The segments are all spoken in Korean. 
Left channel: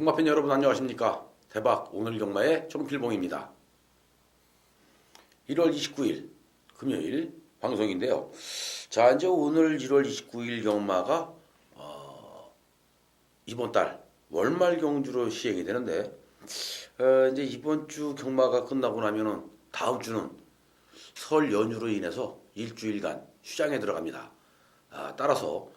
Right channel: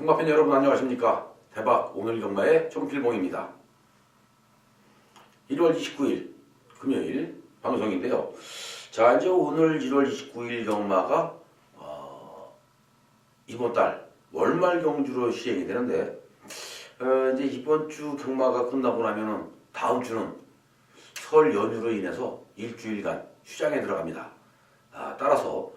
경마팬 여러분 안녕하십니까? 대박 오늘 경마의 정필봉입니다. 1월 29일 금요일 방송인데요. 자, 이제 오늘 1월 29일 경마가 이번 달 월말 경주로 시행이 되는데 이제 이번 주 경마가 끝나고 나면은 다음 주는 설 연휴로 인해서 일주일간 휴장에 들어갑니다. 따라서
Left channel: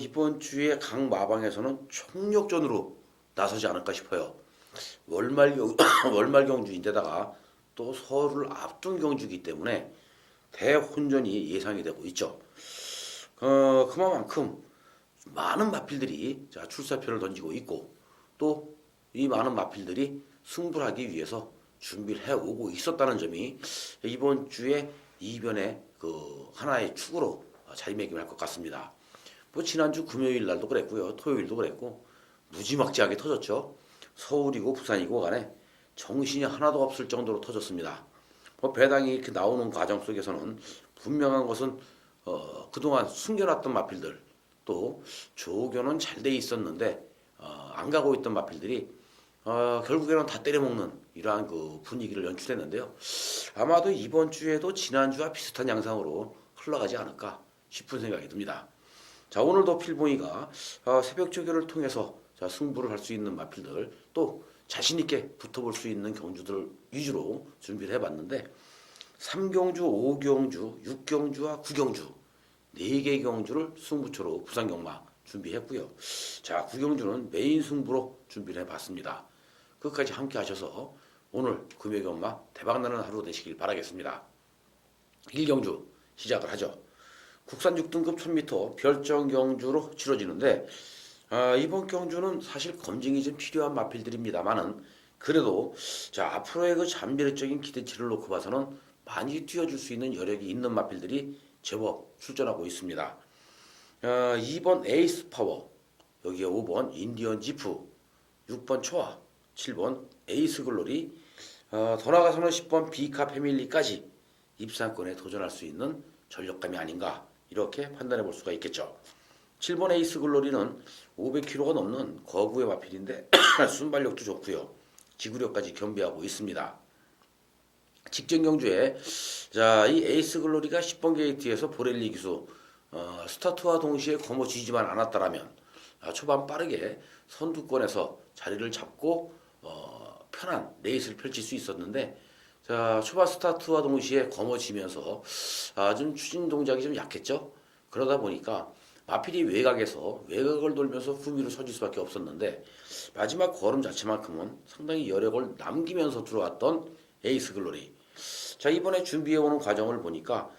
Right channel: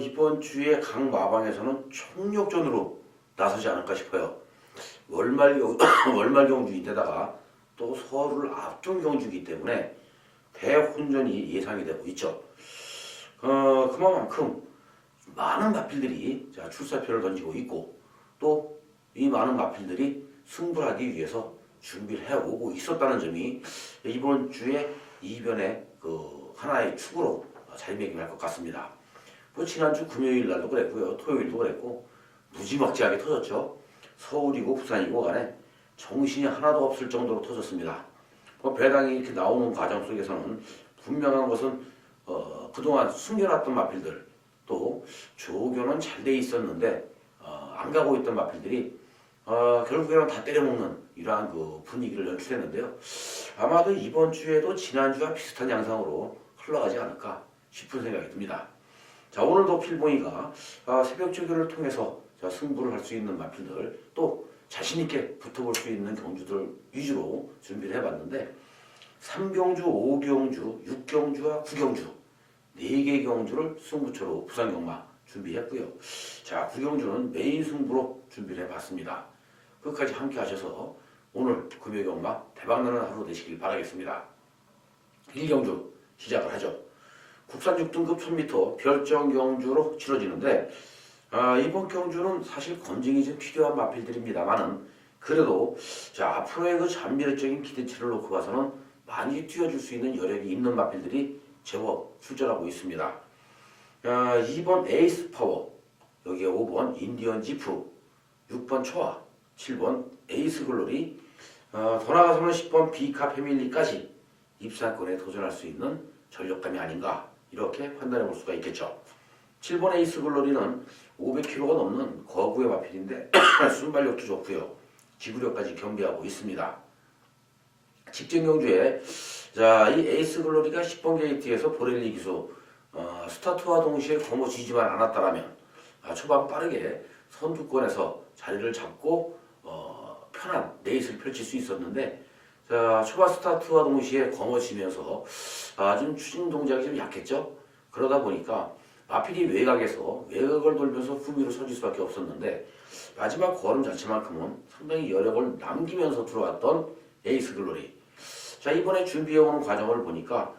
이번 주에 각 마방에서는 총력전으로 나서지 않을까 싶어요. 월말 경주인데다가 또 설을 앞둔 경주이기 때문에 대혼전이 예상이 되고 있죠. 그만큼 많은 마필들이 출사표를 던지고 있고 또 이 많은 마필들이 승부를 하기 위해서 준비를 해오고 있었다는 점이 이번 주에 이변의 하나의 축으로 자리매김할 것 같습니다. 뭐 지난주 금요일 날도 그랬고요. 토요일도 그랬고 무지막지하게 터졌죠. 서울이고 부산이고 간에 정신이 하나도 없을 정도로 터졌습니다. 배당이 이렇게 나오는 과정 속에서는 분명한 것은 그동안 숨겨놨던 마필들 또 조교는 잘 돼 있었는데 안 가고 있던 마필들이 결국에는 다 때려먹는 이러한 분위기를 연출했는데요. 아마도 이번 주에도 지난주와 비슷한 양상으로 흘러가지 않을까 싶은 생각이 듭니다. 자, 오늘도 필봉이가 새벽 조교를 통해서 승부를 할 수 있는 마필들 또 자신있게 붙어볼 수 있는 경주들 위주로 준비를 해봤는데 3경주, 5경주, 6경주와 9경주 4개 경주를 승부처로 부산경마 준비했고요. 자, 9경주는 메인 승부로 준비를 해봤습니다. 끝까지 함께 하셔서 오늘 금요경마 대박나는 하루 되시길 바라겠습니다. 1경주 시작을 하죠. 국산 6등급 1000m 별정 경주로 치러지는데 이번 경주는 사실 검증이 좀 필요한 마필들입니다만은 그래도 앞으로의 잠재력적인 기대치를 놓고 봐서는 많이 뛰어줄 수 있는 여력이 있는 마필들이 제법 출전하고 있습니다. 2번 에이스 파워, 여기에 5번 인디언 지프, 6번 초아, 7번 에이스 글로리, 더 나아가서는 10번 비카 패밀리까지 입상권에 도전할 수 있는 전력감이 아닌가 이렇게 판단해 볼 수가 있겠죠. 7번 에이스 글로리는 500kg가 넘는 거구의 마필인데 순발력도 좋고요. 지구력까지 겸비하고 있습니다. 직전 경주에 이 에이스 글로리가 10번 게이트에서 보렐리 기수 스타트와 동시에 거머쥐지만 않았다라면 초반 빠르게 선두권에서 자리를 잡고 편한 레이스를 펼칠 수 있었는데 초반 스타트와 동시에 거머쥐면서 좀 추진 동작이 좀 약했죠. 그러다 보니까 마필이 외곽을 돌면서 후미로 선질 수밖에 없었는데 마지막 걸음 자체만큼은 상당히 여력을 남기면서 들어왔던 에이스 글로리. 이번에 준비해오는 과정을 보니까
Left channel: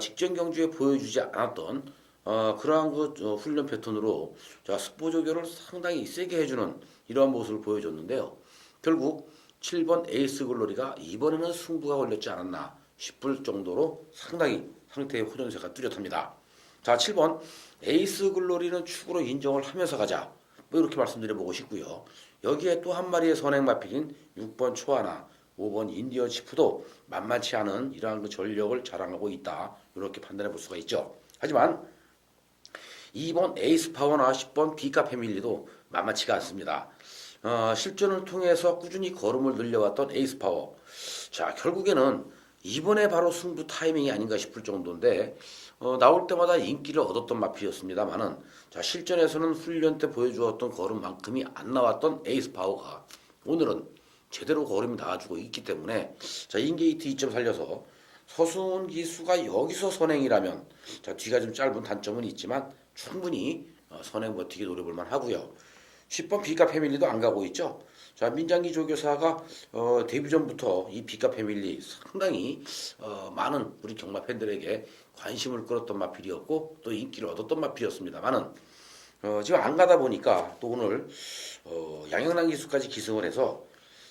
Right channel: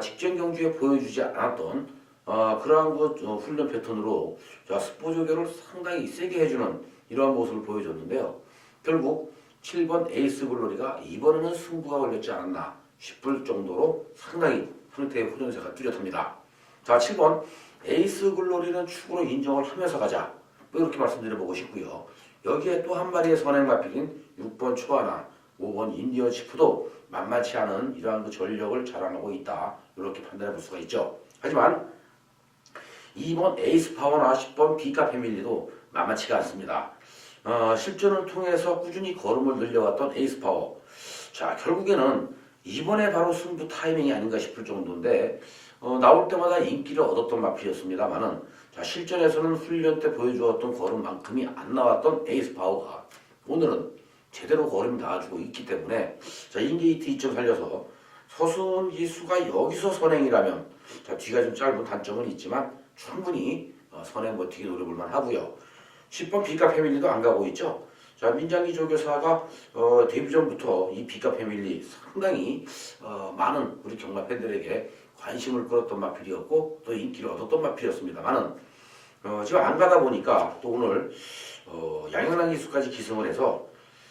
직전 경주에 보여주지 않았던 그러한 훈련 패턴으로 스포 조교를 상당히 세게 해주는 이러한 모습을 보여줬는데요. 결국 7번 에이스 글로리가 이번에는 승부가 걸렸지 않았나 싶을 정도로 상당히 상태의 호전세가 뚜렷합니다. 7번 에이스 글로리는 축으로 인정을 하면서 가자 이렇게 말씀드려보고 싶고요. 여기에 또 한 마리의 선행 마필인 6번 초아나 5번 인디언 시프도 만만치 않은 이러한 전력을 자랑하고 있다 이렇게 판단해 볼 수가 있죠. 하지만 2번 에이스 파워나 10번 비카 패밀리도 만만치가 않습니다. 실전을 통해서 꾸준히 걸음을 늘려왔던 에이스 파워. 결국에는 이번에 바로 승부 타이밍이 아닌가 싶을 정도인데 나올 때마다 인기를 얻었던 마필이었습니다만은 실전에서는 훈련 때 보여주었던 걸음만큼이 안 나왔던 에이스 파워가 오늘은 제대로 걸음이 닿아주고 있기 때문에 인게이트 2점 살려서 서순 기수가 여기서 선행이라면 뒤가 좀 짧은 단점은 있지만 충분히 선행 버티기 노려볼만 하고요. 10번 비카 패밀리도 안 가고 있죠. 민장기 조교사가 데뷔 전부터 이 비카 패밀리 상당히 많은 우리 경마 팬들에게 관심을 끌었던 마필이었고 또 인기를 얻었던 마필이었습니다만은 지금 안 가다 보니까 또 오늘 양현랑 기수까지 기승을 해서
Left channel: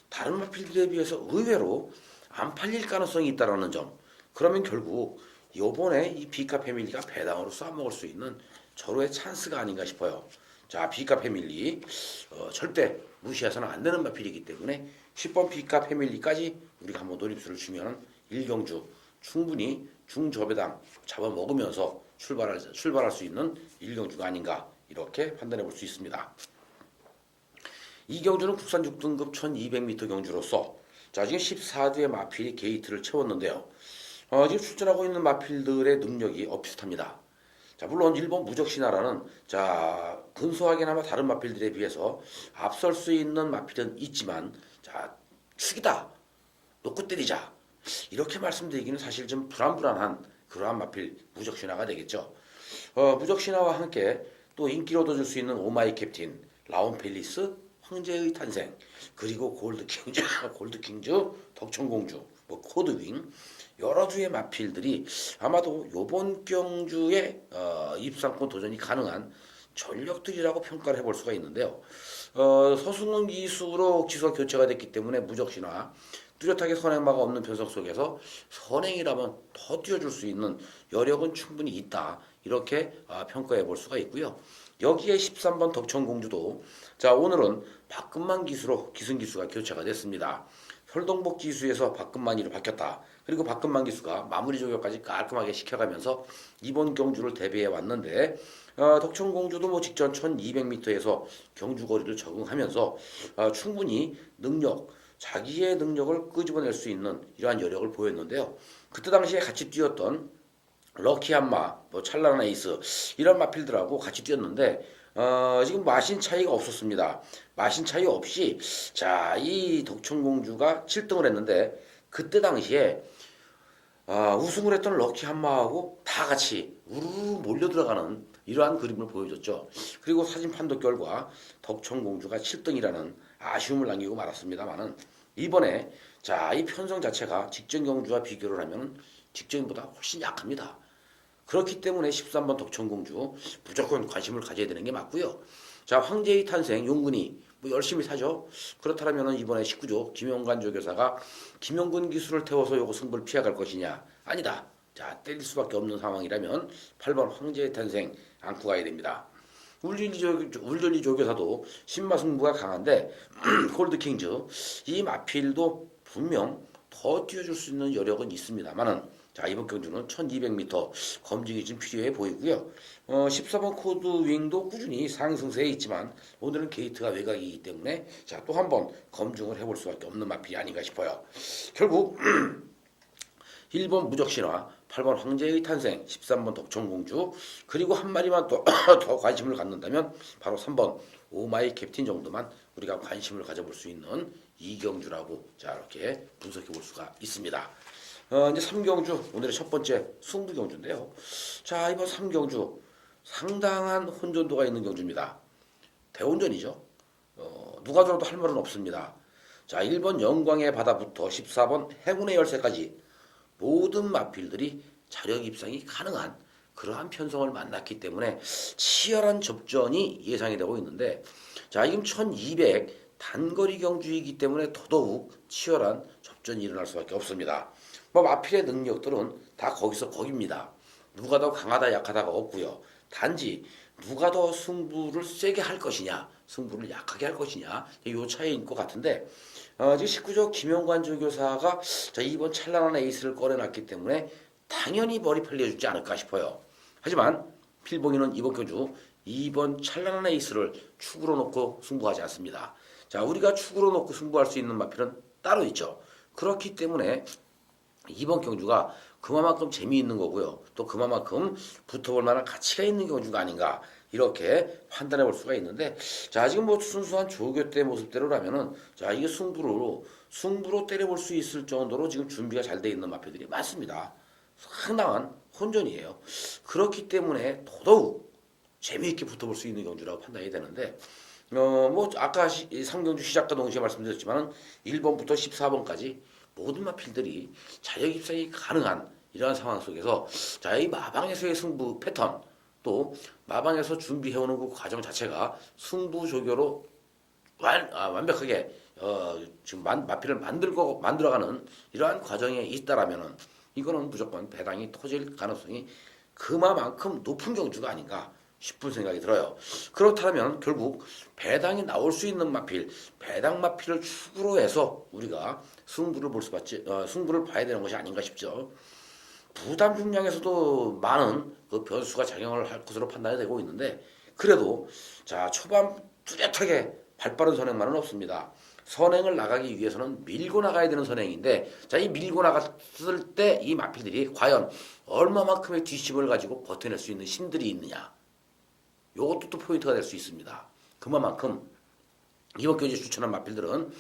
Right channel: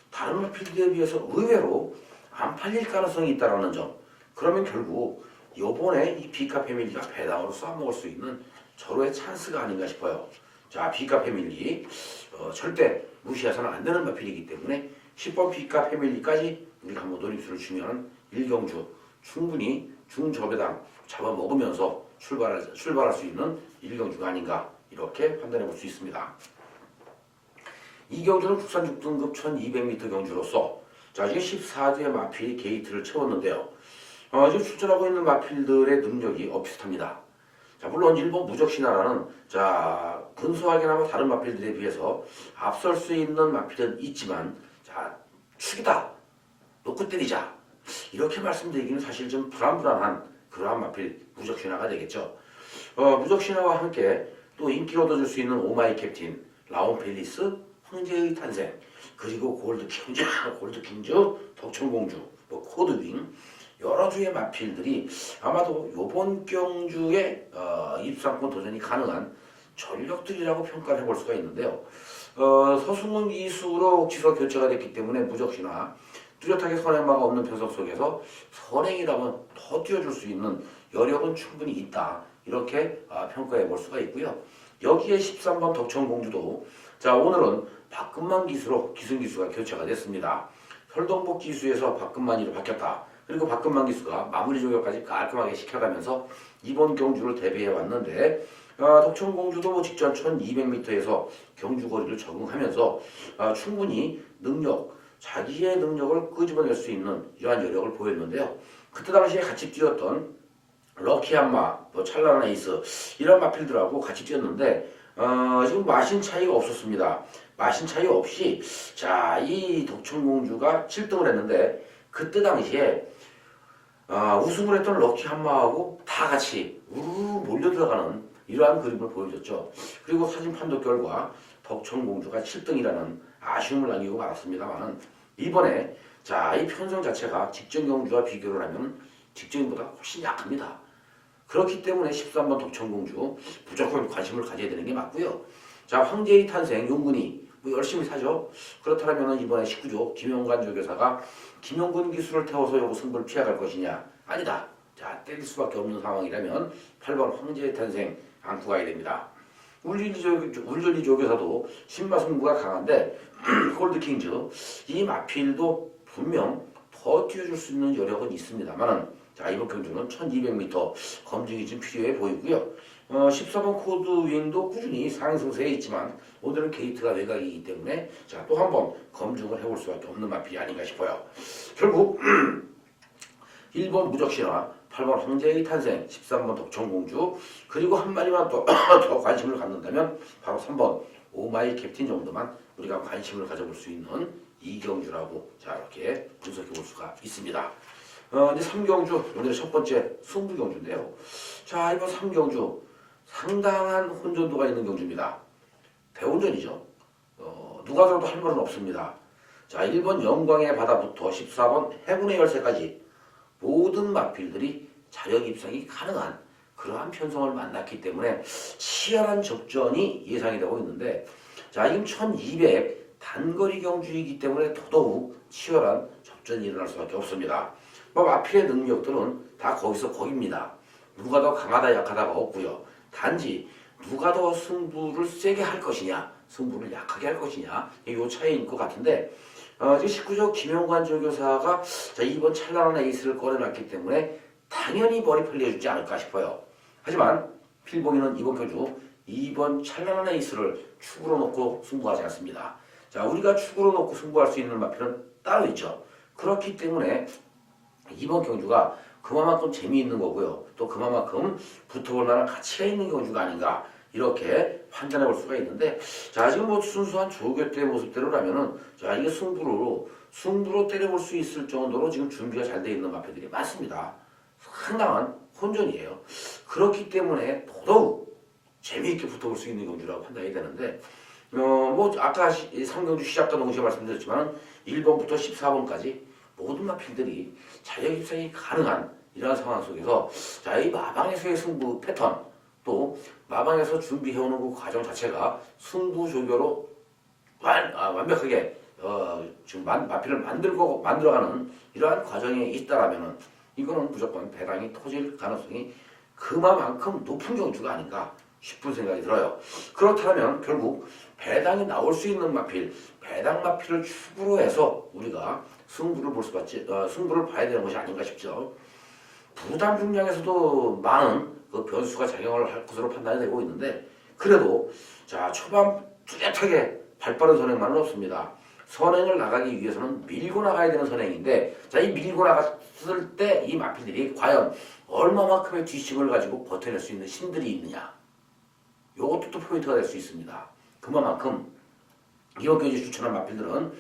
다른 마필들에 비해서 의외로 안 팔릴 가능성이 있다는 점. 그러면 결국 이번에 이 비카 패밀리가 배당으로 쏴먹을 수 있는 절호의 찬스가 아닌가 싶어요. 비카 패밀리 절대 무시해서는 안 되는 마필이기 때문에 10번 비카 패밀리까지 우리가 한번 노림수를 주면 1경주 충분히 중저배당 잡아먹으면서 출발할 수 있는 1경주가 아닌가 이렇게 판단해 볼 수 있습니다. 이 경주는 국산 6등급 1200m 경주로서 자 지금 14두의 마필이 게이트를 채웠는데요. 지금 출전하고 있는 마필들의 능력이 비슷합니다. 자 물론 일본 무적신화라는 자 근소하게나마 다른 마필들에 비해서 앞설 수 있는 마필은 있지만 자 축이다 놓고 때리자 이렇게 말씀드리기는 사실 좀 불안불안한 그러한 마필 무적신화가 되겠죠. 무적신화와 함께 또 인기를 얻어줄 수 있는 오마이 캡틴, 라온 펠리스, 황제의 탄생, 그리고 골드킹즈, 덕천공주, 뭐 코드윙 여러 주의 마필들이 아마도 이번 경주에 입상권 도전이 가능한 전력들이라고 평가를 해볼 수가 있는데요. 서승훈 기수로 지서 교체가 됐기 때문에 무적신화 뚜렷하게 선행마가 없는 변성 속에서 선행이라면 더 뛰어줄 수 있는 여력은 충분히 있다. 이렇게 평가해 볼 수가 있고요. 여기에 13번 덕천공주도 자 오늘은 박근만 기수로 기승기수가 교체가 됐습니다. 설동복 기수에서 박근만이로 바뀌었다. 그리고 박근만 기수가 마무리 조격까지 깔끔하게 시켜가면서 이번 경주를 대비해 왔는데 덕천공주도 뭐 직전 1200m에서 경주 거리를 적응하면서 충분히 자기의 능력을 끄집어낼 수 있는 이러한 여력을 보였는데요. 그때 당시에 같이 뛰었던 럭키한마, 뭐 찰나란 에이스 이런 마필들하고 같이 뛰었는데 지금 마신 차이가 없었습니다. 마신 차이 없이 자 이 덕천공주가 7등을 했는데 그때 당시에 우승을 했던 럭키한마하고 다 같이 우르르 몰려 들어가는 이러한 그림을 보여줬죠. 그리고 사진 판독 결과 덕천공주가 7등이라는 아쉬움을 남기고 말았습니다만 이번에 자 이 편성 자체가 직전 경주와 비교를 하면 직전보다 훨씬 약합니다. 그렇기 때문에 13번 덕천공주 무조건 관심을 가져야 되는 게 맞고요. 자 황제의 탄생 용군이 뭐 열심히 사죠. 그렇다면 이번에 19조 김영관 조교사가 김영근 기수를 태워서 요거 승부를 피해갈 것이냐? 아니다. 자 때릴 수밖에 없는 상황이라면 8번 황제의 탄생 안고 가야 됩니다. 울전리 조교사도 신마승부가 강한데 골드킹즈 이 마필도 분명 더 뛰어줄 수 있는 여력은 있습니다만은 자 이번 경주는 1200m 검증이 좀 필요해 보이고요. 14번 코드윙도 꾸준히 상승세에 있지만 오늘은 게이트가 외곽이기 때문에 자 또 한 번 검증을 해볼 수밖에 없는 마필이 아닌가 싶어요. 결국 1번 무적신화, 8번 황제의 탄생, 13번 덕천공주 그리고 한 마리만 더 관심을 갖는다면 바로 3번 오마이 캡틴 정도만 우리가 관심을 가져볼 수 있는 이경주라고 자 이렇게 분석해 볼 수가 있습니다. 이제 3경주 오늘의 첫 번째 승부경주인데요. 자 이번 3경주 상당한 혼전도가 있는 경주입니다. 대혼전이죠. 누가 들어도 할 말은 없습니다. 자 1번 영광의 바다부터 14번 행운의 열쇠까지 모든 마필들이 자력 입상이 가능한 그러한 편성을 만났기 때문에 치열한 접전이 예상이 되고 있는데 자 지금 1200 단거리 경주이기 때문에 더더욱 치열한 접전이 일어날 수밖에 없습니다. 뭐 마필의 능력들은 다 거기입니다. 누가 더 강하다 약하다가 없고요. 단지 누가 더 승부를 세게 할 것이냐 승부를 약하게 할 것이냐 이 차이인 것 같은데 지금 19조 김영관 조교사가 자 이번 찬란한 에이스를 꺼내놨기 때문에 당연히 머리 편리해주지 않을까 싶어요. 하지만 필봉이는 이번 경주 2번 찬란한 에이스를 축으로 놓고 승부하지 않습니다. 자 우리가 축으로 놓고 승부할 수 있는 마필은 따로 있죠. 그렇기 때문에 이번 경주가 그만큼 재미있는 거고요. 또 그만큼 붙어볼 만한 가치가 있는 경주가 아닌가 이렇게 판단해 볼 수가 있는데 자 지금 뭐 순수한 조교 때 모습대로라면은 자 이게 승부로 때려볼 수 있을 정도로 지금 준비가 잘 돼 있는 마필들이 많습니다. 상당한 혼전이에요. 그렇기 때문에 더더욱 재미있게 붙어볼 수 있는 경주라고 판단이 되는데 뭐 아까 3경주 시작과 동시에 말씀드렸지만 1번부터 14번까지 모든 마필들이 자력 입상이 가능한 이러한 상황 속에서 자 이 마방에서의 승부 패턴 또 마방에서 준비해오는 그 과정 자체가 승부 조교로 완벽하게 지금 마필을 만들어가는 이러한 과정에 있다라면은 이거는 무조건 배당이 터질 가능성이 그만큼 높은 경주가 아닌가 싶은 생각이 들어요. 그렇다면 결국 배당이 나올 수 있는 마필, 배당 마필을 축으로 해서 우리가 승부를 봐야 되는 것이 아닌가 싶죠. 부담 중량에서도 많은 그 변수가 작용을 할 것으로 판단이 되고 있는데 그래도 자 초반 뚜렷하게 발빠른 선행만은 없습니다. 선행을 나가기 위해서는 밀고 나가야 되는 선행인데, 자, 이 밀고 나갔을 때 이 마필들이 과연 얼마만큼의 뒷심을 가지고 버텨낼 수 있는 힘들이 있느냐. 요것도 또 포인트가 될 수 있습니다. 그만큼 이번 경기 추천한 마필들은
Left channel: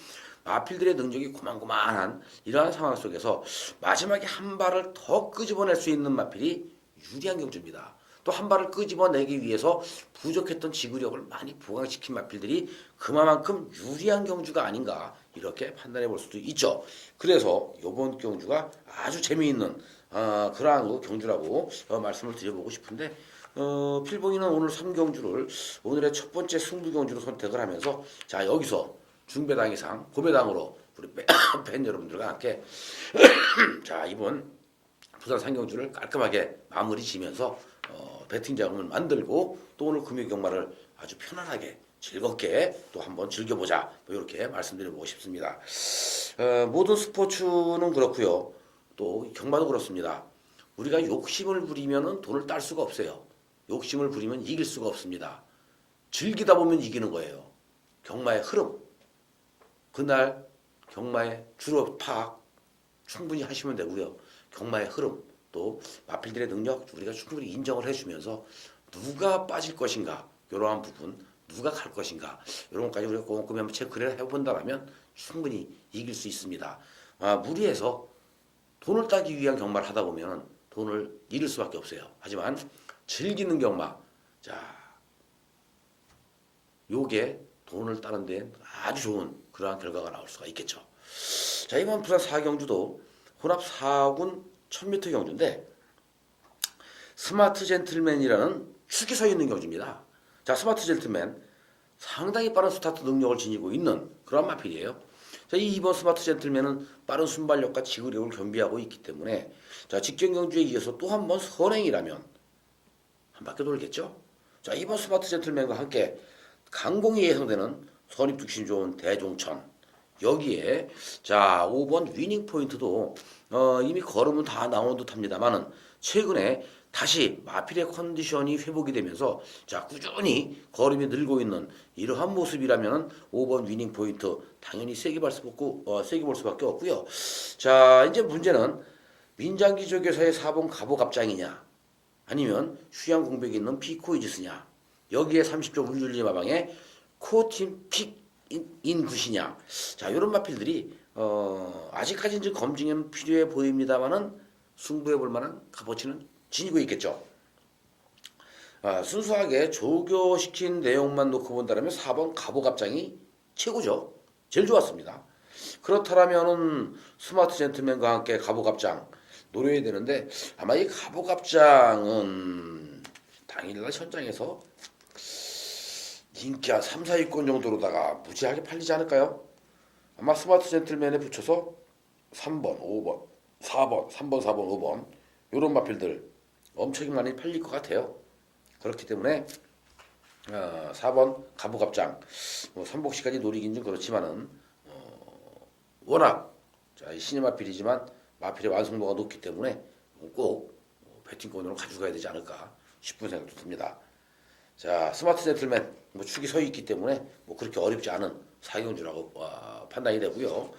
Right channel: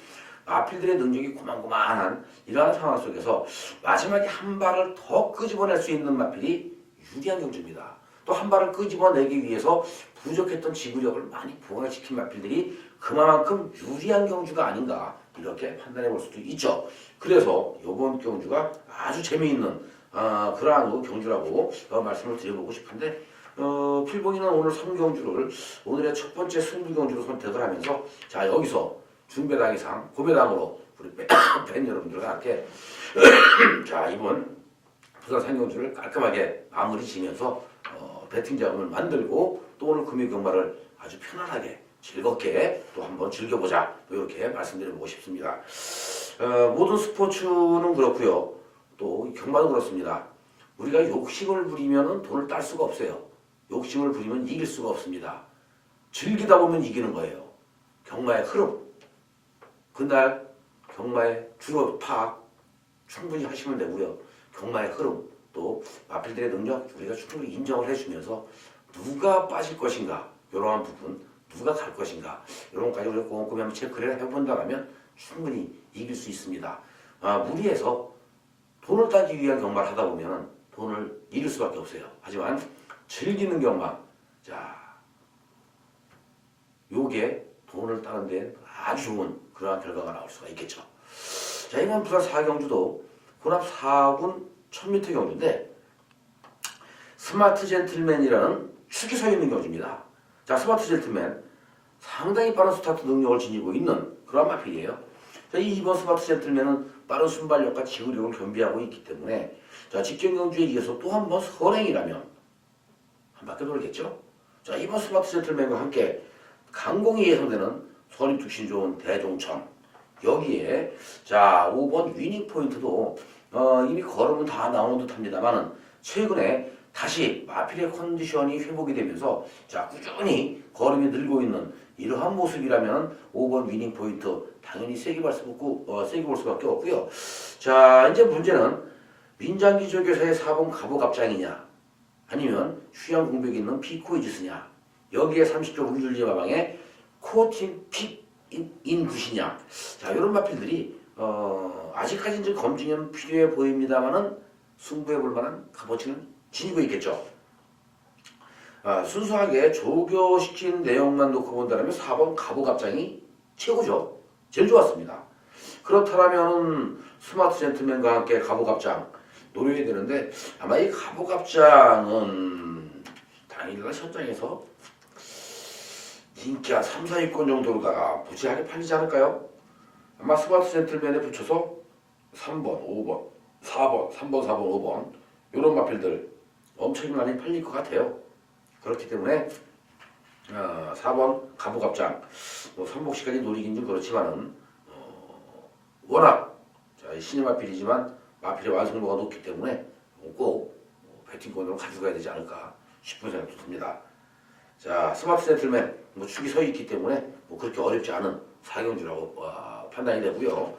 마필들의 능력이 고만고만한 이러한 상황 속에서 마지막에 한 발을 더 끄집어낼 수 있는 마필이 유리한 경주입니다. 또 한 발을 끄집어내기 위해서 부족했던 지구력을 많이 부각시킨 마필들이 그만큼 유리한 경주가 아닌가 이렇게 판단해 볼 수도 있죠. 그래서 이번 경주가 아주 재미있는 그러한 경주라고 말씀을 드려보고 싶은데, 필봉이는 오늘 3경주를 오늘의 첫 번째 승부 경주로 선택을 하면서, 자, 여기서 중배당 이상 고배당으로 우리 팬 여러분들과 함께 자, 이번 부산 3경주를 깔끔하게 마무리 지면서 배팅 자금을 만들고 또 오늘 금요 경마를 아주 편안하게 즐겁게 또 한번 즐겨보자, 이렇게 말씀드려보고 싶습니다. 모든 스포츠는 그렇고요, 또 경마도 그렇습니다. 우리가 욕심을 부리면 돈을 딸 수가 없어요. 욕심을 부리면 이길 수가 없습니다. 즐기다 보면 이기는 거예요. 경마의 흐름, 그날 경마의 주로 파악 충분히 하시면 되고요. 경마의 흐름, 또 마필들의 능력 우리가 충분히 인정을 해주면서 누가 빠질 것인가, 이러한 부분, 누가 갈 것인가, 이런 것까지 우리가 꼼꼼히 한번 체크를 해본다면 충분히 이길 수 있습니다. 무리해서 돈을 따기 위한 경마를 하다 보면 돈을 잃을 수밖에 없어요. 하지만 즐기는 경마, 자, 요게 돈을 따는 데 아주 좋은 그러한 결과가 나올 수가 있겠죠. 자, 이번 부산 4경주도 혼합 4군 1000m 경주인데 스마트 젠틀맨이라는 축이 서 있는 경주입니다. 자, 스마트 젠틀맨 상당히 빠른 스타트 능력을 지니고 있는 그런 마필이에요. 자, 이번 스마트 젠틀맨은 빠른 순발력과 지구력을 겸비하고 있기 때문에, 자, 직전 경주에 이어서 또 한 번 선행이라면 한 바퀴 돌겠죠. 자, 이번 스마트 젠틀맨과 함께 강공이 예상되는 선입특신 좋은 대종천, 여기에 자 5번 위닝 포인트도 이미 걸음은 다 나온 듯 합니다만은 최근에 다시 마필의 컨디션이 회복이 되면서 자 꾸준히 걸음이 늘고 있는 이러한 모습이라면 5번 위닝 포인트 당연히 세게 볼 수밖에 없고요. 자, 이제 문제는 민장기 조교사의 4번 가보갑장이냐, 아니면 휴양 공백이 있는 피코이지스냐, 여기에 30조 우율리 마방에 코어팀 픽인 굿이냐. 자, 이런 마필들이 아직까지 좀 검증은 필요해 보입니다만은 승부해 볼 만한 값어치는 지니고 있겠죠. 순수하게 조교시킨 내용만 놓고 본다면 4번 가보갑장이 최고죠. 제일 좋았습니다. 그렇다면은 스마트 젠틀맨과 함께 가보갑장 노려야 되는데, 아마 이 가보갑장은 당일날 현장에서 인기 한 3, 4위권 정도로다가 무지하게 팔리지 않을까요? 아마 스마트 젠틀맨에 붙여서 3번, 5번, 4번, 3번, 4번, 5번 이런 마필들 엄청 많이 팔릴 것 같아요. 그렇기 때문에 4번 가부갑장 뭐 3복시까지 노리긴 좀 그렇지만은 워낙 신의 마필이지만 마필의 완성도가 높기 때문에 꼭 배팅권으로 가져가야 되지 않을까 싶은 생각도 듭니다. 자, 스마트 젠틀맨 축이 서 있기 때문에 그렇게 어렵지 않은 4경주라고 판단이 되고요.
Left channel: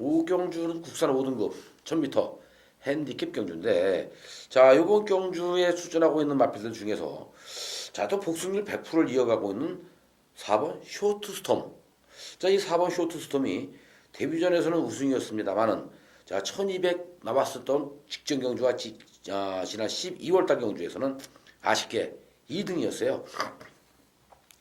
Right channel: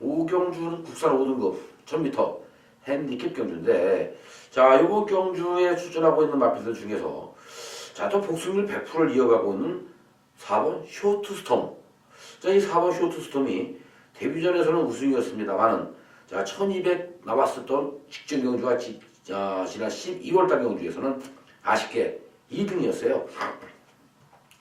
5경주는 국산 5등급 1000m 핸디캡 경주인데, 자, 이번 경주에 출전하고 있는 마필들 중에서 자, 또 복승률 100%를 이어가고 있는 4번 쇼트스톰. 자, 이 4번 쇼트스톰이 데뷔전에서는 우승이었습니다만은 자, 1200 남았었던 직전 경주와 지난 12월달 경주에서는 아쉽게 2등이었어요.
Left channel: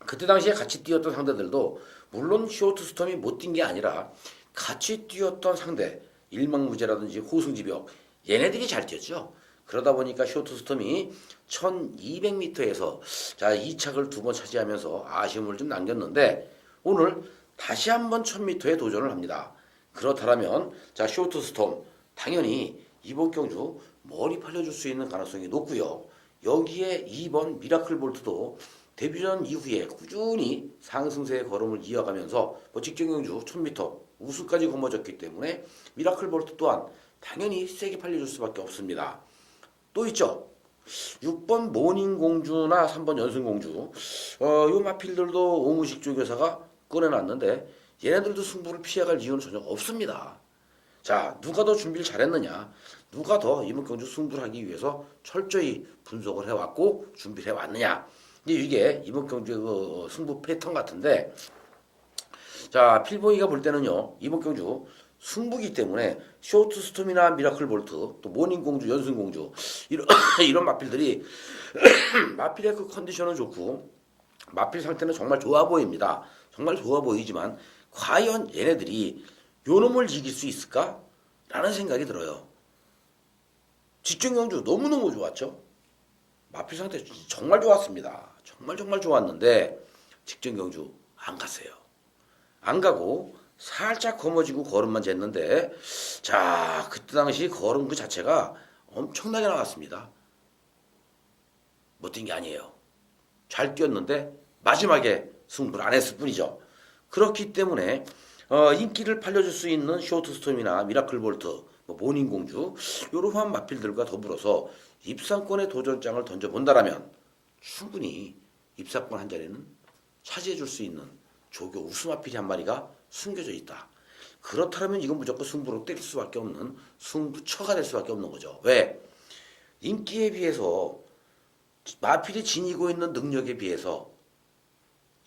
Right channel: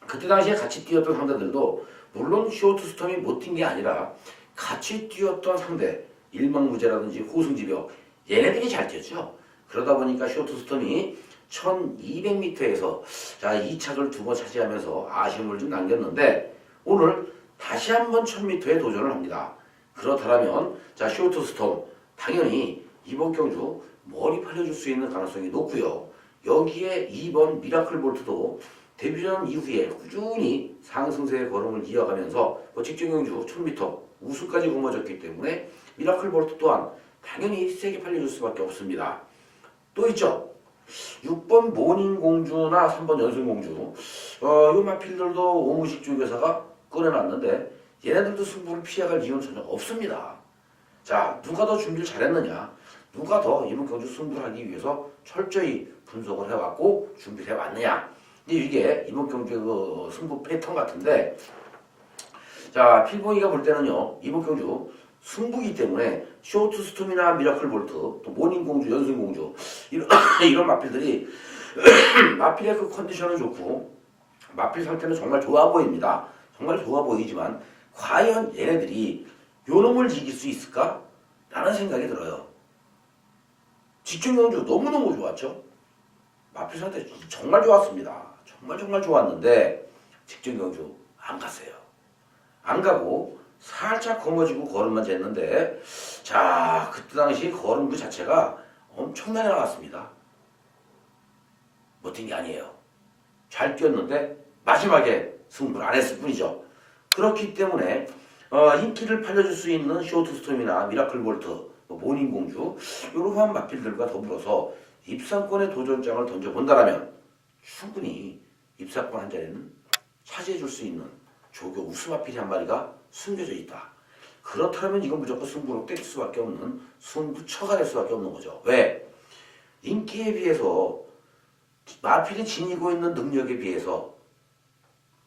그때 당시에 같이 뛰었던 상대들도 물론 쇼트스톰이 못 뛴 게 아니라 같이 뛰었던 상대 일망무제라든지 호승지벽 얘네들이 잘 뛰었죠. 그러다 보니까 쇼트스톰이 1200m에서 자 2착을 두 번 차지하면서 아쉬움을 좀 남겼는데, 오늘 다시 한번 1000m에 도전을 합니다. 그렇다면 자 쇼트스톰 당연히 이번 경주 머리 팔려줄 수 있는 가능성이 높고요. 여기에 2번 미라클 볼트도 데뷔전 이후에 꾸준히 상승세의 걸음을 이어가면서 직전 경주 1000m 우승까지 거머졌기 때문에 미라클 볼트 또한 당연히 세게 팔려줄 수밖에 없습니다. 또 있죠. 6번 모닝공주나 3번 연승공주, 이 마필들도 오무식 조교사가 꺼내놨는데 얘네들도 승부를 피해갈 이유는 전혀 없습니다. 자, 누가 더 준비를 잘했느냐? 누가 더 이번 경주 승부를 하기 위해서 철저히 분석을 해왔고 준비를 해왔느냐? 이게 이번 경주의 그 승부 패턴 같은데, 자, 필봉이가 볼 때는요, 이번 경주 승부기 때문에 쇼트 스톰이나 미라클 볼트, 또 모닝공주, 연승공주 이런 이런 마필들이 마필의 그 컨디션은 좋고 마필 상태는 정말 좋아 보입니다. 정말 좋아 보이지만 과연 얘네들이 요놈을 이길 수 있을까? 라는 생각이 들어요. 직중경주 너무너무 좋았죠. 마필 상태 정말 좋았습니다. 정말 좋았는데 직중경주 안 갔어요. 안 가고 살짝 거머쥐고 걸음만 쟀는데, 자, 그때 당시 걸음 그 자체가 엄청나게 나갔습니다. 못 뛴 게 아니에요. 잘 뛰었는데 마지막에 승부를 안 했을 뿐이죠. 그렇기 때문에 인기를 팔려줄 수 있는 쇼트스톰이나 미라클 볼트, 모닝공주 이러한 마필들과 더불어서 입상권의 도전장을 던져본다라면 충분히 입상권 한 자리는 차지해줄 수 있는 조교 우수마필이 한 마리가 숨겨져 있다. 그렇다면 이건 무조건 승부로 떼길 수밖에 없는, 승부처가 될 수밖에 없는 거죠. 왜? 인기에 비해서 마필이 지니고 있는 능력에 비해서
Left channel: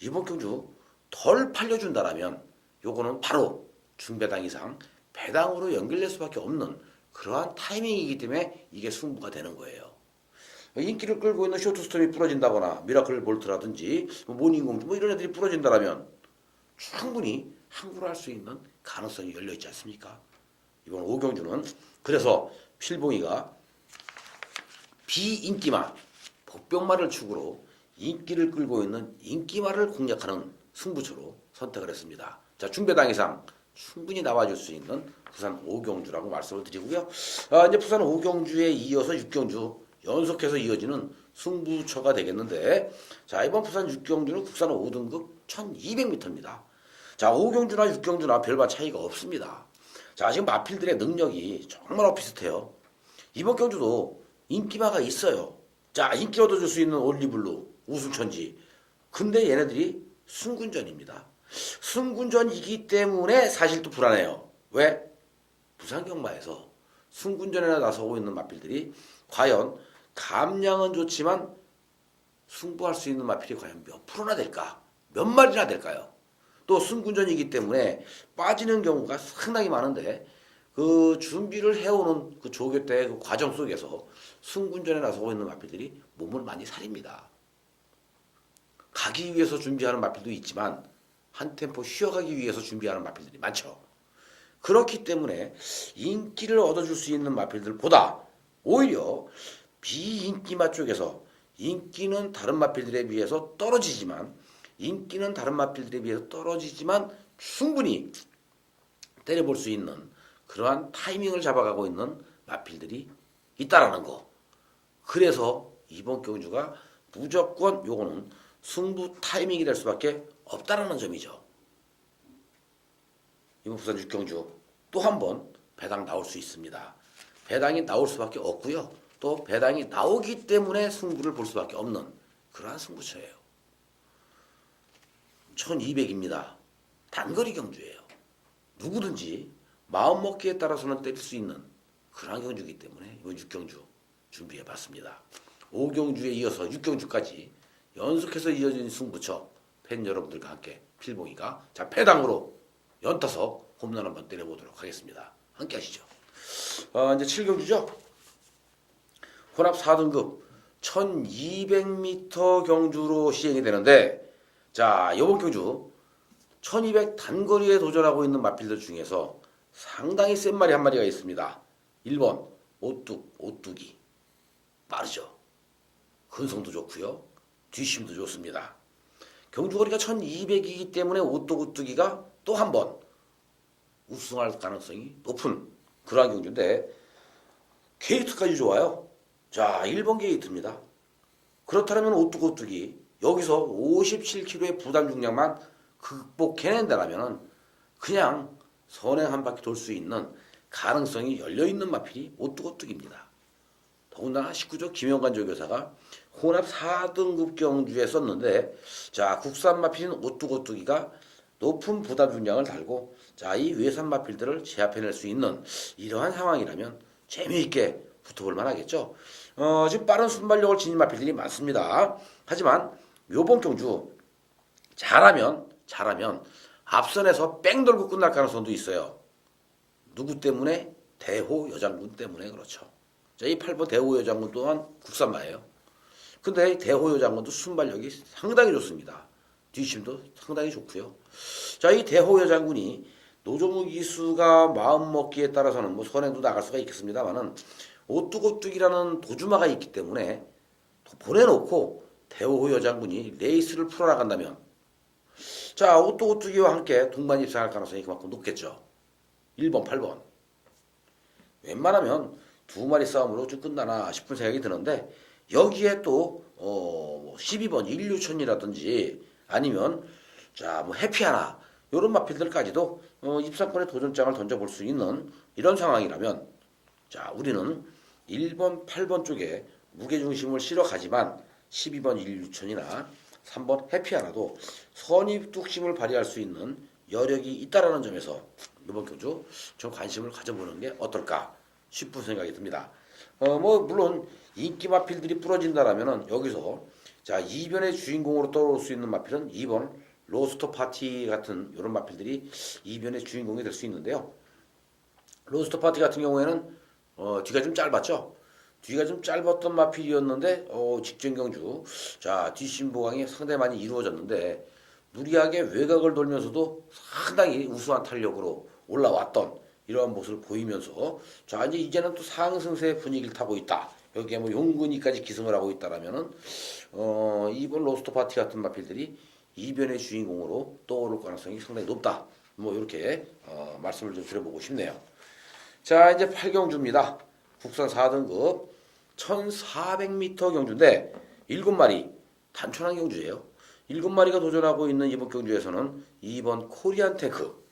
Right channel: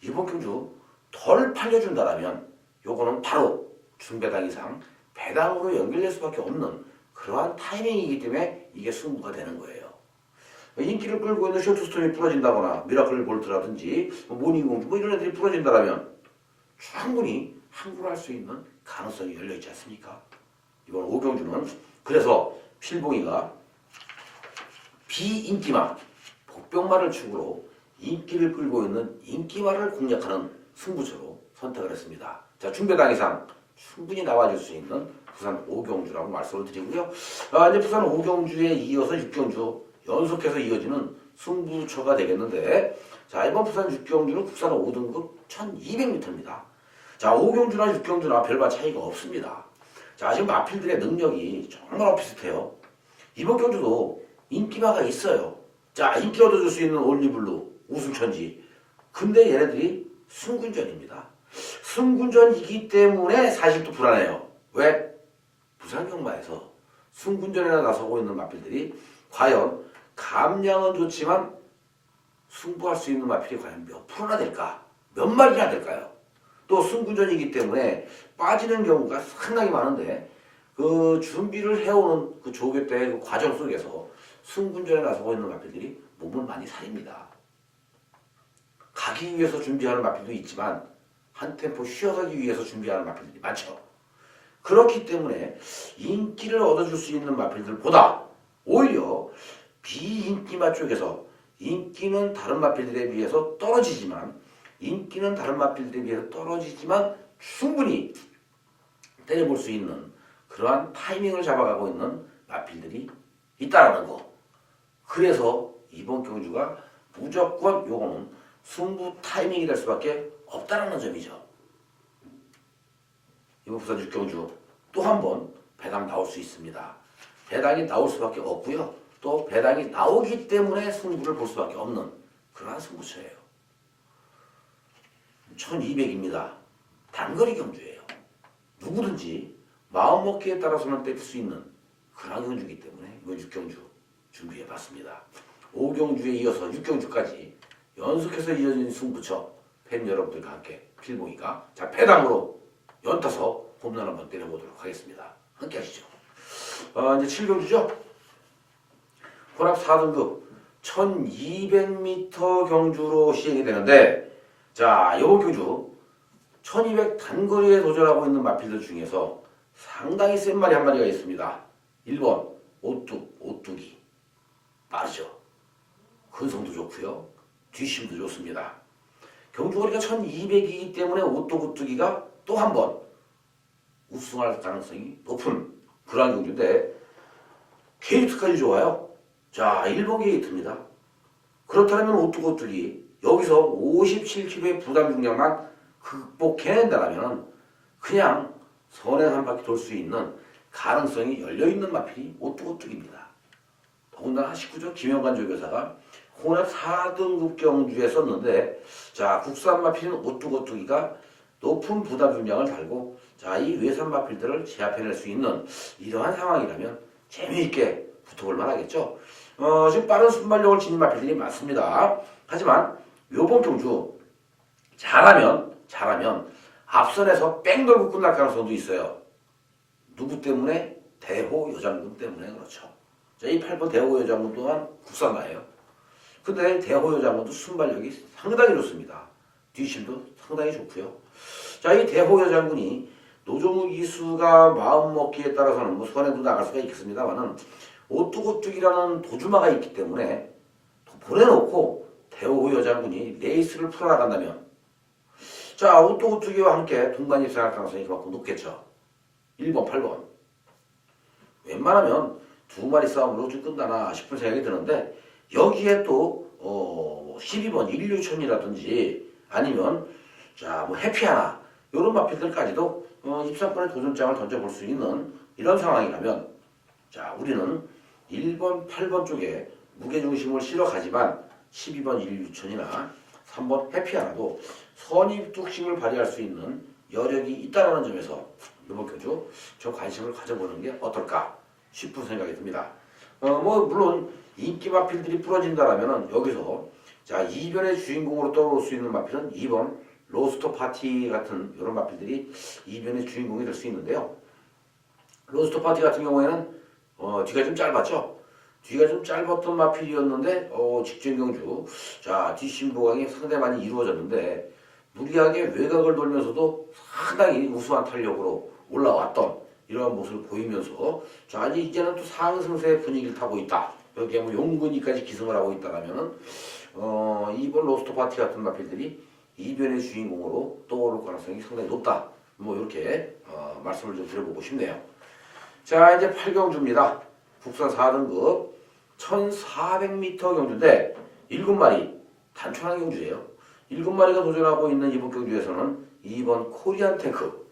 이번 경주 덜 팔려준다라면 요거는 바로 중배당 이상 배당으로 연결될 수밖에 없는 그러한 타이밍이기 때문에 이게 승부가 되는 거예요. 인기를 끌고 있는 쇼트스톰이 부러진다거나 미라클 볼트라든지 모닝공주 이런 애들이 부러진다라면 충분히 항구를 할 수 있는 가능성이 열려있지 않습니까? 이번 오경주는 그래서 필봉이가 비인기마, 복병마를 축으로 인기를 끌고 있는 인기마를 공략하는 승부처로 선택을 했습니다. 자, 중배당 이상 충분히 나와줄 수 있는 부산 오경주라고 말씀을 드리고요. 이제 부산 오경주에 이어서 육경주 연속해서 이어지는 승부처가 되겠는데, 자, 이번 부산 육경주는 국산 5등급 1200m입니다. 자, 오경주나 육경주나 별반 차이가 없습니다. 자, 지금 마필들의 능력이 정말 비슷해요. 이번 경주도 인기마가 있어요. 자, 인기 얻어줄 수 있는 올리블루, 우승천지. 근데 얘네들이 승군전입니다. 승군전이기 때문에 사실 또 불안해요. 왜? 부산경마에서 승군전에 나서고 있는 마필들이 과연 감량은 좋지만 승부할 수 있는 마필이 과연 몇 프로나 될까? 몇 마리나 될까요? 또 승군전이기 때문에 빠지는 경우가 상당히 많은데 그 준비를 해오는 그 조교 때의 그 과정 속에서 승군전에 나서고 있는 마필들이 몸을 많이 사립니다. 가기 위해서 준비하는 마필도 있지만 한 템포 쉬어가기 위해서 준비하는 마필들이 많죠. 그렇기 때문에 인기를 얻어줄 수 있는 마필들보다 오히려 비인기마 쪽에서 인기는 다른 마필들에 비해서 떨어지지만 충분히 때려볼 수 있는 그러한 타이밍을 잡아가고 있는 마필들이 있다라는 거. 그래서 이번 경주가 무조건 요거는 승부 타이밍이 될 수밖에 없다라는 점이죠. 이번 부산 육경주 또 한 번 배당 나올 수 있습니다. 배당이 나올 수밖에 없고요. 또 배당이 나오기 때문에 승부를 볼 수밖에 없는 그러한 승부처예요. 1200입니다. 단거리 경주예요. 누구든지 마음먹기에 따라서는 때릴 수 있는 그런 경주이기 때문에 이번 육경주 준비해봤습니다. 5경주에 이어서 6경주까지 연속해서 이어진 승부처 팬 여러분들과 함께 필봉이가 자 배당으로 연타석 홈런 한번 때려보도록 하겠습니다. 함께 하시죠. 이제 7경주죠. 혼합 4등급 1200m 경주로 시행이 되는데, 자, 이번 경주 1200 단거리에 도전하고 있는 마필들 중에서 상당히 센 말이 한 마리가 있습니다. 1번 오뚜기 빠르죠. 근성도 좋고요. 뒷심도 좋습니다. 경주거리가 1200이기 때문에 오뚜기가 또 한 번 우승할 가능성이 높은 그러한 경주인데 게이트까지 좋아요. 자, 1번 게이트입니다. 그렇다면 오뚜기 여기서 57kg의 부담 중량만 극복해낸다면 그냥 선행 한 바퀴 돌 수 있는 가능성이 열려있는 마필이 오뚜기입니다. 더군다나 19조 김영관 조교사가 혼합 4등급 경주에 썼는데, 자, 국산 마필인 오뚜기가 높은 부담 중량을 달고 자, 이 외선 마필들을 제압해낼 수 있는 이러한 상황이라면 재미있게 붙어볼 만하겠죠. 지금 빠른 순발력을 지닌 마필들이 많습니다. 하지만 요번 경주 잘하면 앞선에서 뺑 돌고 끝날 가능성도 있어요. 누구 때문에? 대호 여장군 때문에 그렇죠. 자, 이 8번 대호 여장군 또한 국산마예요. 근데 대호 여장군도 순발력이 상당히 좋습니다. 뒷심도 상당히 좋고요. 자, 이 대호 여장군이 노종욱 이수가 마음먹기에 따라서는 뭐 선행도 나갈 수가 있겠습니다만은 오뚝오뚝이라는 도주마가 있기 때문에 보내놓고 대호 여장군이 레이스를 풀어나간다면 자, 오뚝오뚝이와 함께 동반 입상할 가능성이 그만큼 높겠죠. 1번, 8번. 웬만하면 두 마리 싸움으로 좀 끝나나 싶은 생각이 드는데 여기에 또 12번 일류천이라든지 아니면 자, 뭐 해피하나 이런 마필들까지도 입상권의 도전장을 던져볼 수 있는 이런 상황이라면 자, 우리는 1번, 8번 쪽에 무게중심을 실어가지만 12번 일류천이나 3번 해피하나도 선입뚝심을 발휘할 수 있는 여력이 있다라는 점에서 이번 교주 좀 관심을 가져보는 게 어떨까 싶은 생각이 듭니다. 뭐 물론 인기 마필들이 부러진다라면은 여기서 자, 이변의 주인공으로 떠오를 수 있는 마필은 2번 로스터 파티 같은 이런 마필들이 이변의 주인공이 될 수 있는데요. 로스터 파티 같은 경우에는 뒤가 좀 짧았죠. 뒤가 좀 짧았던 마필이었는데 직전 경주 자, 뒷심 보강이 상당히 많이 이루어졌는데 무리하게 외곽을 돌면서도 상당히 우수한 탄력으로 올라왔던 이러한 모습을 보이면서 자, 이제는 또 상승세의 분위기를 타고 있다. 여기에 뭐 용근이까지 기승을 하고 있다라면은 이번 로스터 파티 같은 마필들이 이변의 주인공으로 떠오를 가능성이 상당히 높다. 뭐 이렇게 말씀을 좀 드려보고 싶네요. 자, 이제 8경주입니다. 국산 4등급 1400m 경주인데 7마리 단촐한 경주예요. 7마리가 도전하고 있는 이번 경주에서는 2번 코리안 탱크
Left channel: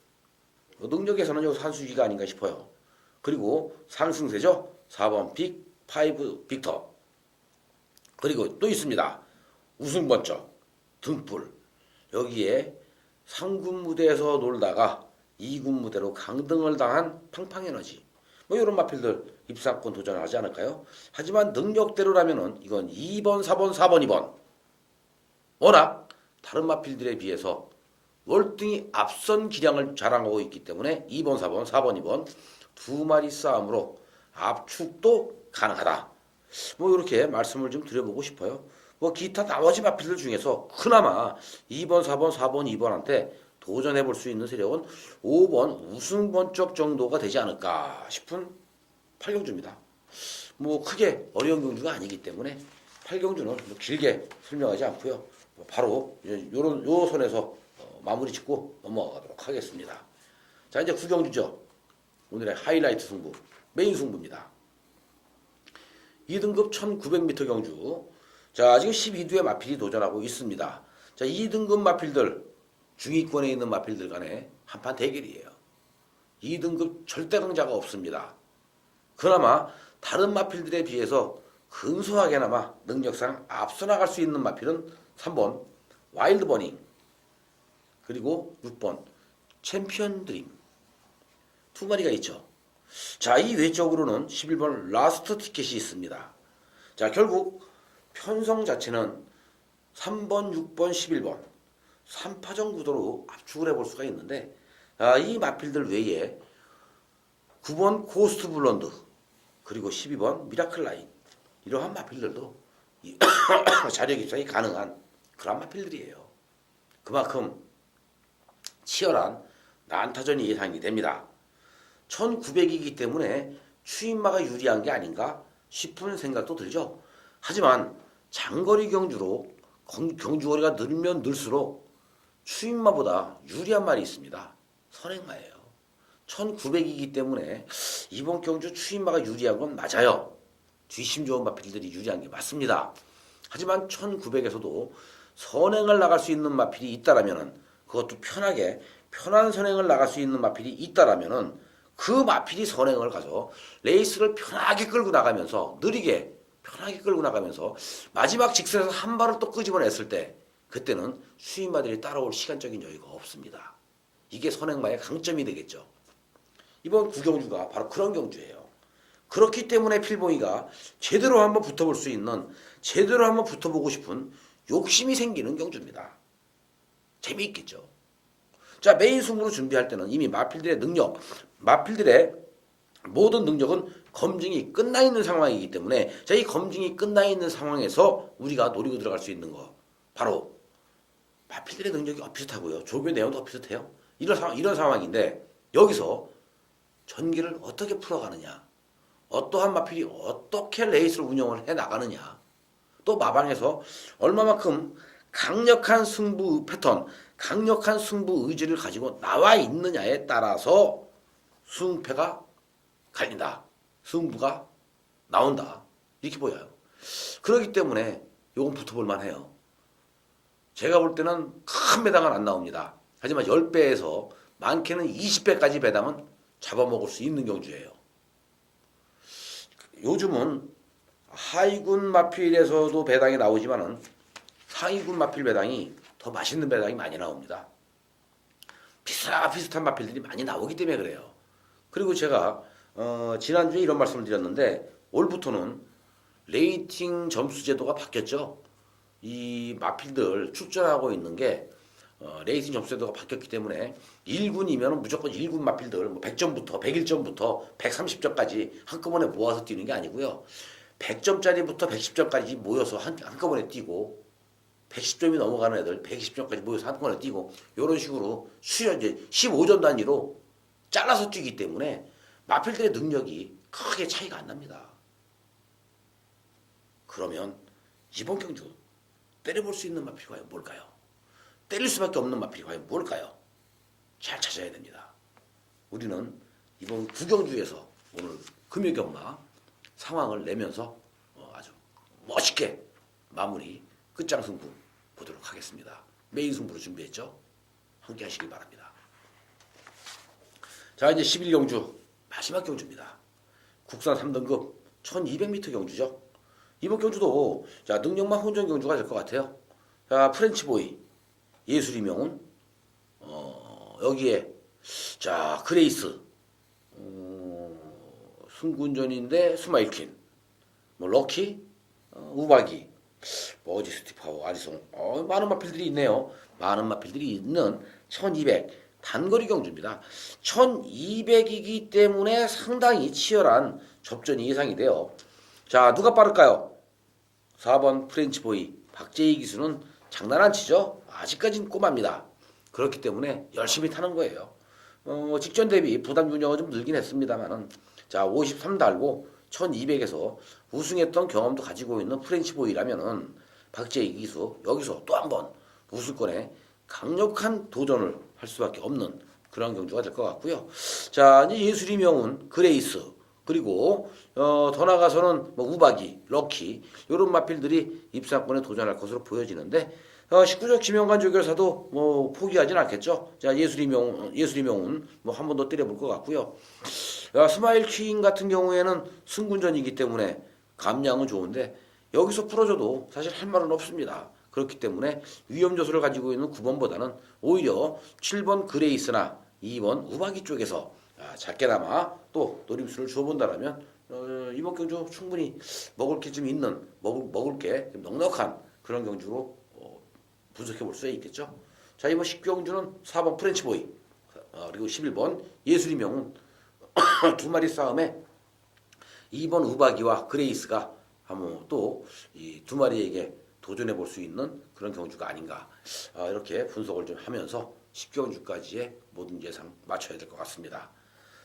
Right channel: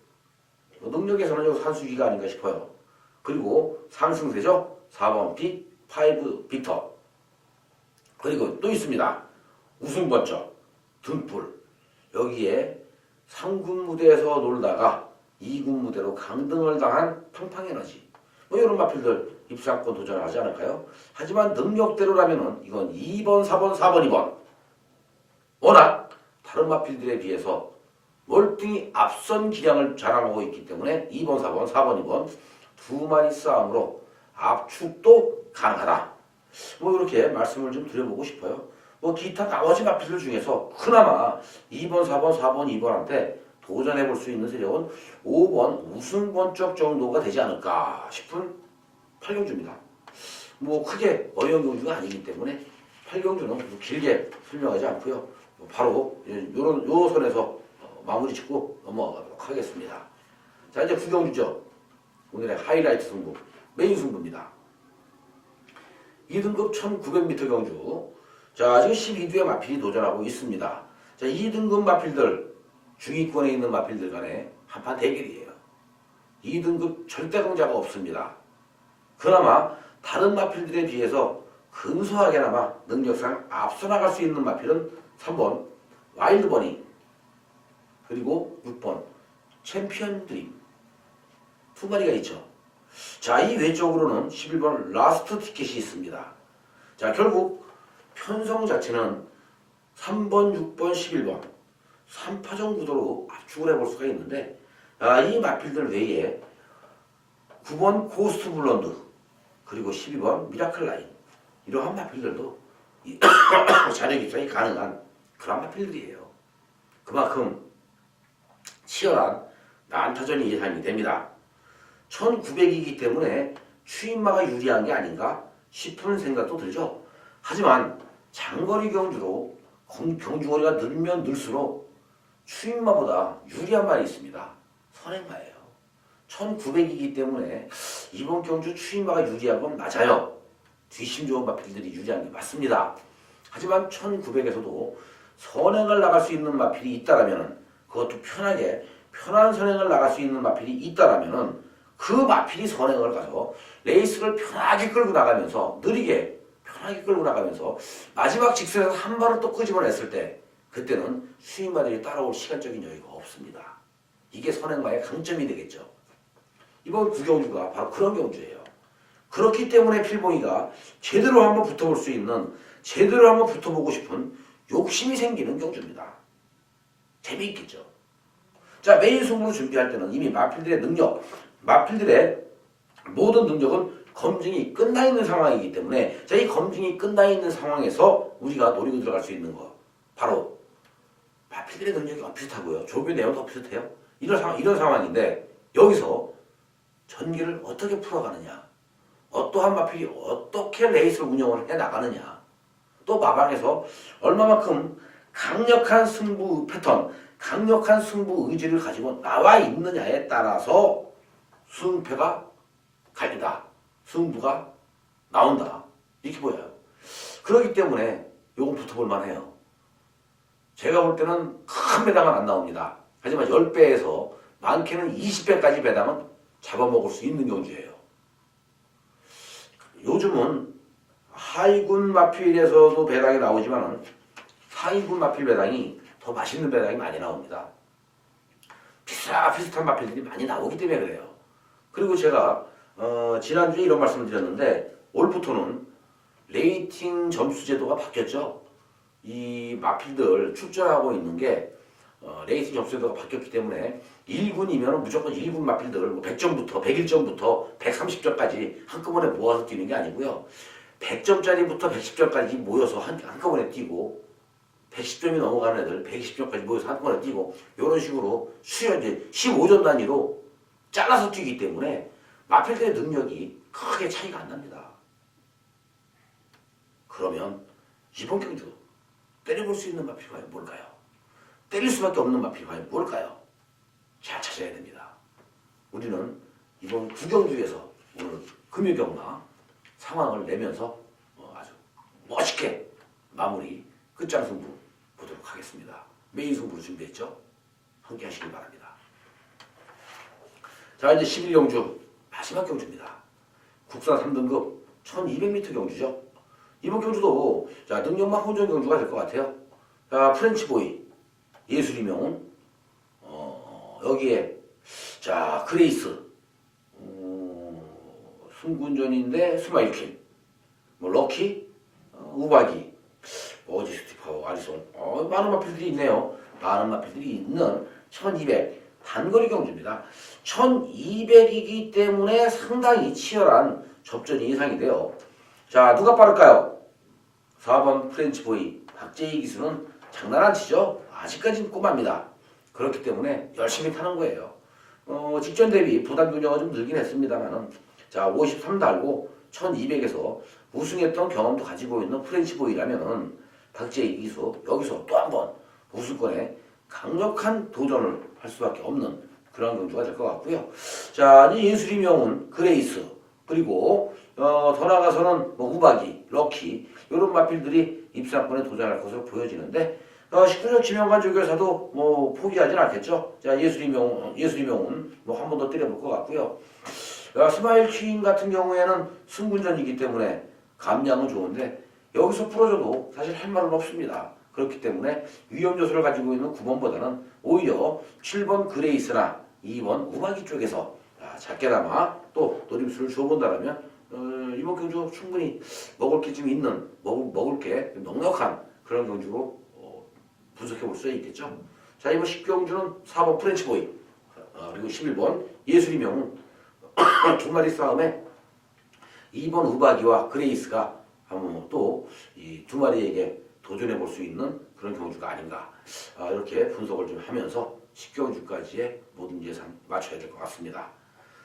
능력에서는 여기 산수기가 아닌가 싶어요. 그리고 상승세죠. 4번 빅, 5 빅터. 그리고 또 있습니다. 우승번쩍, 등불. 여기에 3군 무대에서 놀다가 2군 무대로 강등을 당한 팡팡에너지. 뭐 이런 마필들 입상권 도전하지 않을까요? 하지만 능력대로라면은 이건 2번, 4번, 4번, 2번. 워낙 다른 마필들에 비해서 월등히 앞선 기량을 자랑하고 있기 때문에 2번, 4번, 4번, 2번 두 마리 싸움으로 압축도 가능하다. 뭐 이렇게 말씀을 좀 드려보고 싶어요. 뭐 기타 나머지 마필들 중에서 그나마 2번, 4번, 4번, 2번한테 도전해볼 수 있는 세력은 5번 우승번쩍 정도가 되지 않을까 싶은 8경주입니다. 뭐 크게 어려운 경주가 아니기 때문에 8경주는 뭐 길게 설명하지 않고요. 바로 요 선에서 마무리 짓고 넘어가도록 하겠습니다. 자, 이제 9경주죠. 오늘의 하이라이트 승부, 메인 승부입니다. 2등급 1900m 경주. 자, 지금 12두의 마필이 도전하고 있습니다. 자, 2등급 마필들, 중위권에 있는 마필들 간에 한판 대결이에요. 2등급 절대 강자가 없습니다. 그나마 다른 마필들에 비해서 근소하게나마 능력상 앞서 나갈 수 있는 마필은 3번 와일드 버닝 그리고 6번 챔피언 드림 두 마리가 있죠. 자, 이 외적으로는 11번 라스트 티켓이 있습니다. 자, 결국 편성 자체는 3번, 6번, 11번 3파전 구도로 압축을 해볼 수가 있는데 이 마필들 외에 9번 고스트 블런드 그리고 12번 미라클 라인 이러한 마필들도 자력 입상이 가능한 그런 마필들이에요. 그만큼 치열한 난타전이 예상이 됩니다. 1900이기 때문에 추임마가 유리한 게 아닌가 싶은 생각도 들죠. 하지만 장거리 경주로 경주거리가 늘면 늘수록 추임마보다 유리한 말이 있습니다. 선행마예요. 1900이기 때문에 이번 경주 추임마가 유리한 건 맞아요. 뒷심 좋은 마필들이 유리한 게 맞습니다. 하지만 1900에서도 선행을 나갈 수 있는 마필이 있다라면은 그것도 편한 선행을 나갈 수 있는 마필이 있다라면은 그 마필이 선행을 가서 레이스를 편하게 끌고 나가면서 느리게 편하게 끌고 나가면서 마지막 직선에서 한 발을 또 끄집어냈을 때 그때는 수인마들이 따라올 시간적인 여유가 없습니다. 이게 선행마의 강점이 되겠죠. 이번 구경주가 바로 그런 경주예요. 그렇기 때문에 필봉이가 제대로 한번 붙어볼 수 있는, 제대로 한번 붙어보고 싶은 욕심이 생기는 경주입니다. 재미있겠죠. 자, 메인 승부를 준비할 때는 이미 마필들의 능력, 마필들의 모든 능력은 검증이 끝나 있는 상황이기 때문에, 자, 이 검증이 끝나 있는 상황에서 우리가 노리고 들어갈 수 있는 거, 바로 마필들의 능력이 비슷하고요, 조교의 내용도 비슷해요. 이런 상황인데, 여기서 전기를 어떻게 풀어가느냐, 어떠한 마필이 어떻게 레이스를 운영을 해 나가느냐, 또 마방에서 얼마만큼 강력한 승부 패턴, 강력한 승부 의지를 가지고 나와 있느냐에 따라서 승패가 갈린다, 승부가 나온다, 이렇게 보여요. 그렇기 때문에 요건 붙어볼 만해요. 제가 볼 때는 큰 배당은 안 나옵니다. 하지만 10배에서 많게는 20배까지 배당은 잡아먹을 수 있는 경주예요. 요즘은 하위군 마필에서도 배당이 나오지만 상위군 마필 배당이 더 맛있는 배당이 많이 나옵니다. 비슷한 마필들이 많이 나오기 때문에 그래요. 그리고 제가 지난주에 이런 말씀을 드렸는데, 올부터는 레이팅 점수 제도가 바뀌었죠. 이 마필들 출전하고 있는 게 레이팅 점수 제도가 바뀌었기 때문에 1군이면 무조건 1군 마필들 100점부터 101점부터 130점까지 한꺼번에 모아서 뛰는 게 아니고요. 100점짜리부터 110점까지 모여서 한꺼번에 뛰고, 110점이 넘어가는 애들 120점까지 모여서 한꺼번에 뛰고, 이런 식으로 수련 이제 15점 단위로 잘라서 뛰기 때문에 마필들의 능력이 크게 차이가 안 납니다. 그러면 이번 경주 때려볼 수 있는 마필이 과연 뭘까요? 때릴 수밖에 없는 마필이 과연 뭘까요? 잘 찾아야 됩니다. 우리는 이번 구경주에서 오늘 금요경마 상황을 내면서 아주 멋있게 마무리 끝장 승부 보도록 하겠습니다. 메인 승부 준비했죠? 함께 하시길 바랍니다. 자, 이제 11경주 마지막 경주입니다. 국산 3등급 1200m 경주죠. 이번 경주도 자, 능력만 혼전 경주가 될 것 같아요. 자, 프렌치보이, 예술이명은 여기에 자, 그레이스, 승군전인데 스마일킬, 뭐 럭키, 우박이, 어지스티파워, 아리송, 많은 마필들이 있네요. 많은 마필들이 있는 1200 단거리 경주입니다. 1200이기 때문에 상당히 치열한 접전이 예상이 돼요. 자, 누가 빠를까요? 4번 프렌치보이 박재희 기수는 장난 안 치죠. 아직까지는 꼬마입니다. 그렇기 때문에 열심히 타는 거예요. 직전 대비 부담 균형은 좀 늘긴 했습니다만은, 자, 53 달고 1200에서 우승했던 경험도 가지고 있는 프렌치보이라면은 박재희 기수 여기서 또 한 번 우승권에 강력한 도전을 할 수밖에 없는 그런 경주가 될 것 같고요. 자, 이제 예술이 명운, 그레이스, 그리고 더 나가서는 뭐 우박이, 럭키, 이런 마필들이 입상권에 도전할 것으로 보여지는데, 19년 지명관 조결사도 뭐 포기하진 않겠죠. 자, 예술이 명운 뭐 한 번 더 때려볼 것 같고요. 스마일 퀸 같은 경우에는 승군전이기 때문에 감량은 좋은데, 여기서 풀어줘도 사실 할 말은 없습니다. 그렇기 때문에 위험 요소를 가지고 있는 9번보다는 오히려 7번 그레이스나 2번 우박이 쪽에서 작게나마 또 노림수를 줘본다면 이번 경주 충분히 먹을 게 좀 있는, 먹을 게 넉넉한 그런 경주로 분석해 볼 수 있겠죠. 자, 이번 10경주는 4번 프렌치보이, 그리고 11번 예술이 명운 두 마리 싸움에 2번 우박이와 그레이스가 또 이 두 마리에게 도전해 볼 수 있는 그런 경주가 아닌가, 이렇게 분석을 좀 하면서 10경주까지의 모든 예상 맞춰야 될 것 같습니다.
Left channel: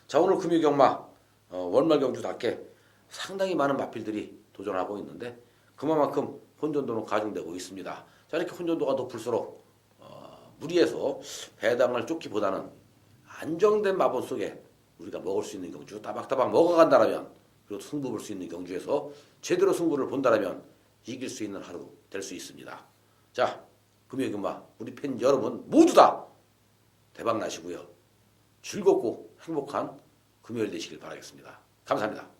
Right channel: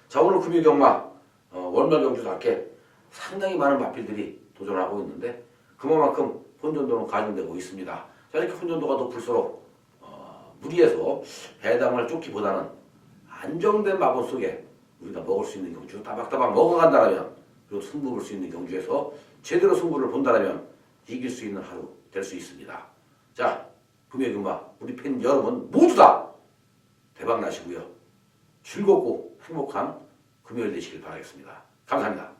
자, 오늘 금요경마 월말 경주답게 상당히 많은 마필들이 도전하고 있는데, 그만큼 혼전도는 가중되고 있습니다. 자, 이렇게 혼전도가 높을수록 무리해서 배당을 쫓기보다는 안정된 마법 속에 우리가 먹을 수 있는 경주, 따박따박 먹어간다면, 그리고 승부 볼 수 있는 경주에서 제대로 승부를 본다면 이길 수 있는 하루 될 수 있습니다. 자, 금요경마 우리 팬 여러분 모두 다 대박 나시고요. 즐겁고 행복한 금요일 되시길 바라겠습니다. 감사합니다.